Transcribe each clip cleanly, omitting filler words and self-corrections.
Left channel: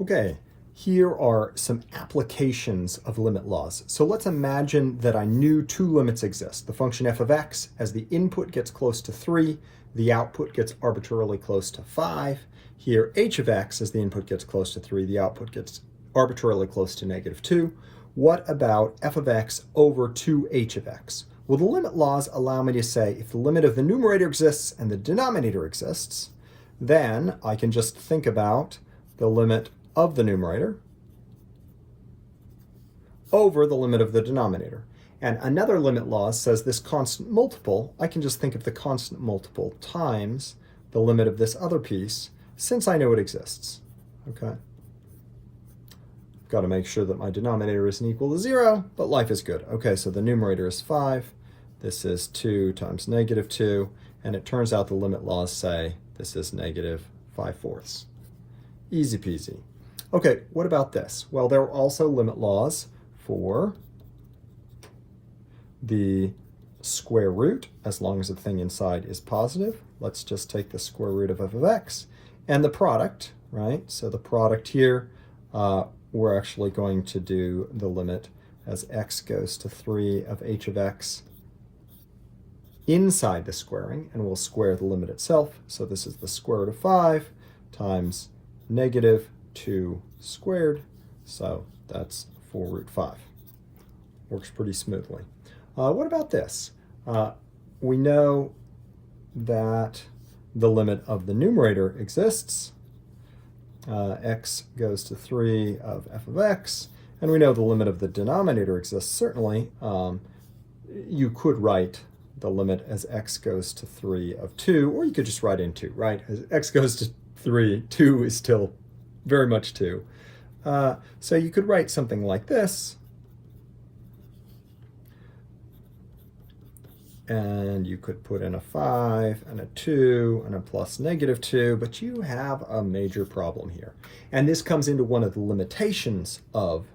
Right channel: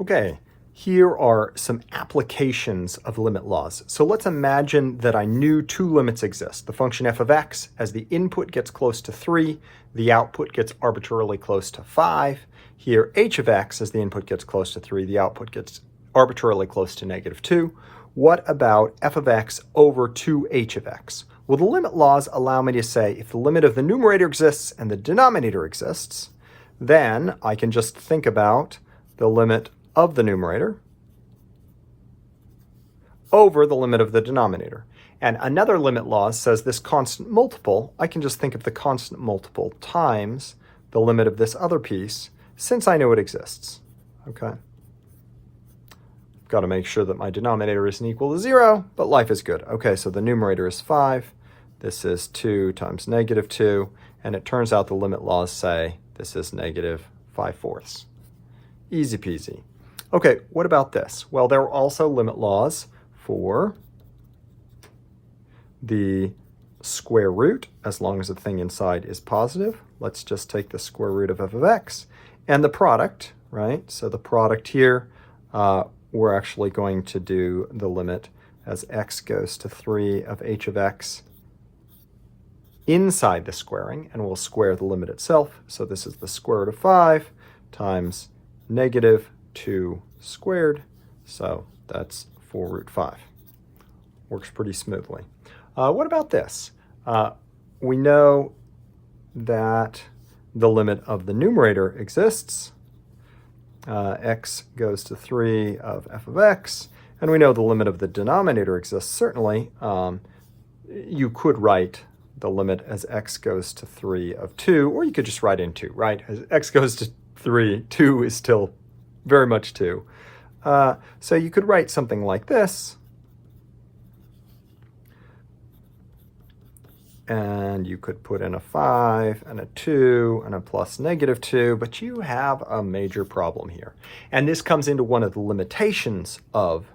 Okay, here are some applications of limit laws. So let's imagine that I knew two limits exist. The function f of x, as the input gets close to 3, the output gets arbitrarily close to 5. Here, h of x, as the input gets close to 3, the output gets arbitrarily close to -2. What about f of x over 2h of x? Well, the limit laws allow me to say if the limit of the numerator exists and the denominator exists, then I can just think about the limit of the numerator over the limit of the denominator. And another limit law says this constant multiple, I can just think of the constant multiple times the limit of this other piece, since I know it exists. Okay. Got to make sure that my denominator isn't equal to 0, but life is good. Okay, so the numerator is 5. This is 2 times -2, and it turns out the limit laws say this is -5/4. Easy peasy. Okay, what about this? Well, there are also limit laws for the square root, as long as the thing inside is positive. Let's just take the square root of f of x. And the product, right? So the product here, we're actually going to do the limit as x goes to 3 of h of x inside the squaring, and we'll square the limit itself. So this is the square root of 5 times -2 squared, so that's 4 root 5. Works pretty smoothly. What about this? We know that the limit of the numerator exists. X goes to 3 of f of x, and we know the limit of the denominator exists. Certainly, you could write the limit as x goes to 3 of 2, or you could just write in 2, right? As x goes to 3, 2 is still very much 2. So you could write something like this, and you could put in a 5 and a 2 and a plus -2, but you have a major problem here. And this comes into one of the limitations of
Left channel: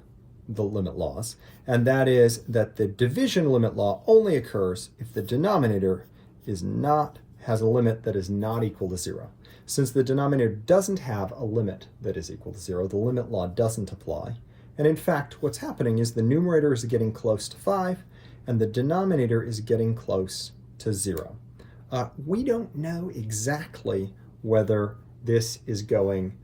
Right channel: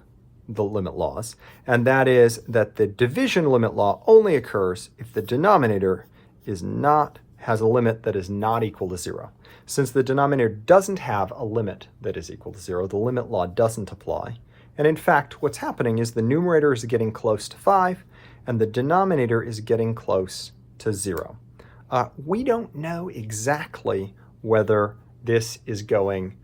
the limit laws, and that is that the division limit law only occurs if the denominator has a limit that is not equal to 0. Since the denominator doesn't have a limit that is equal to 0, the limit law doesn't apply. And in fact, what's happening is the numerator is getting close to 5, and the denominator is getting close to 0. We don't know exactly whether this is going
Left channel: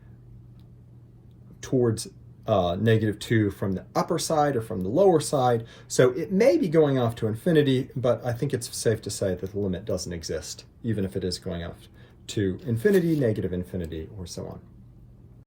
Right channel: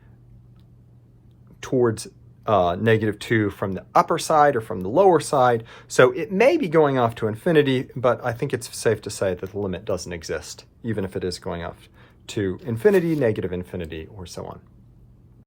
towards -2 from the upper side or from the lower side, so it may be going off to infinity, but I think it's safe to say that the limit doesn't exist, even if it is going off to infinity, -infinity, or so on.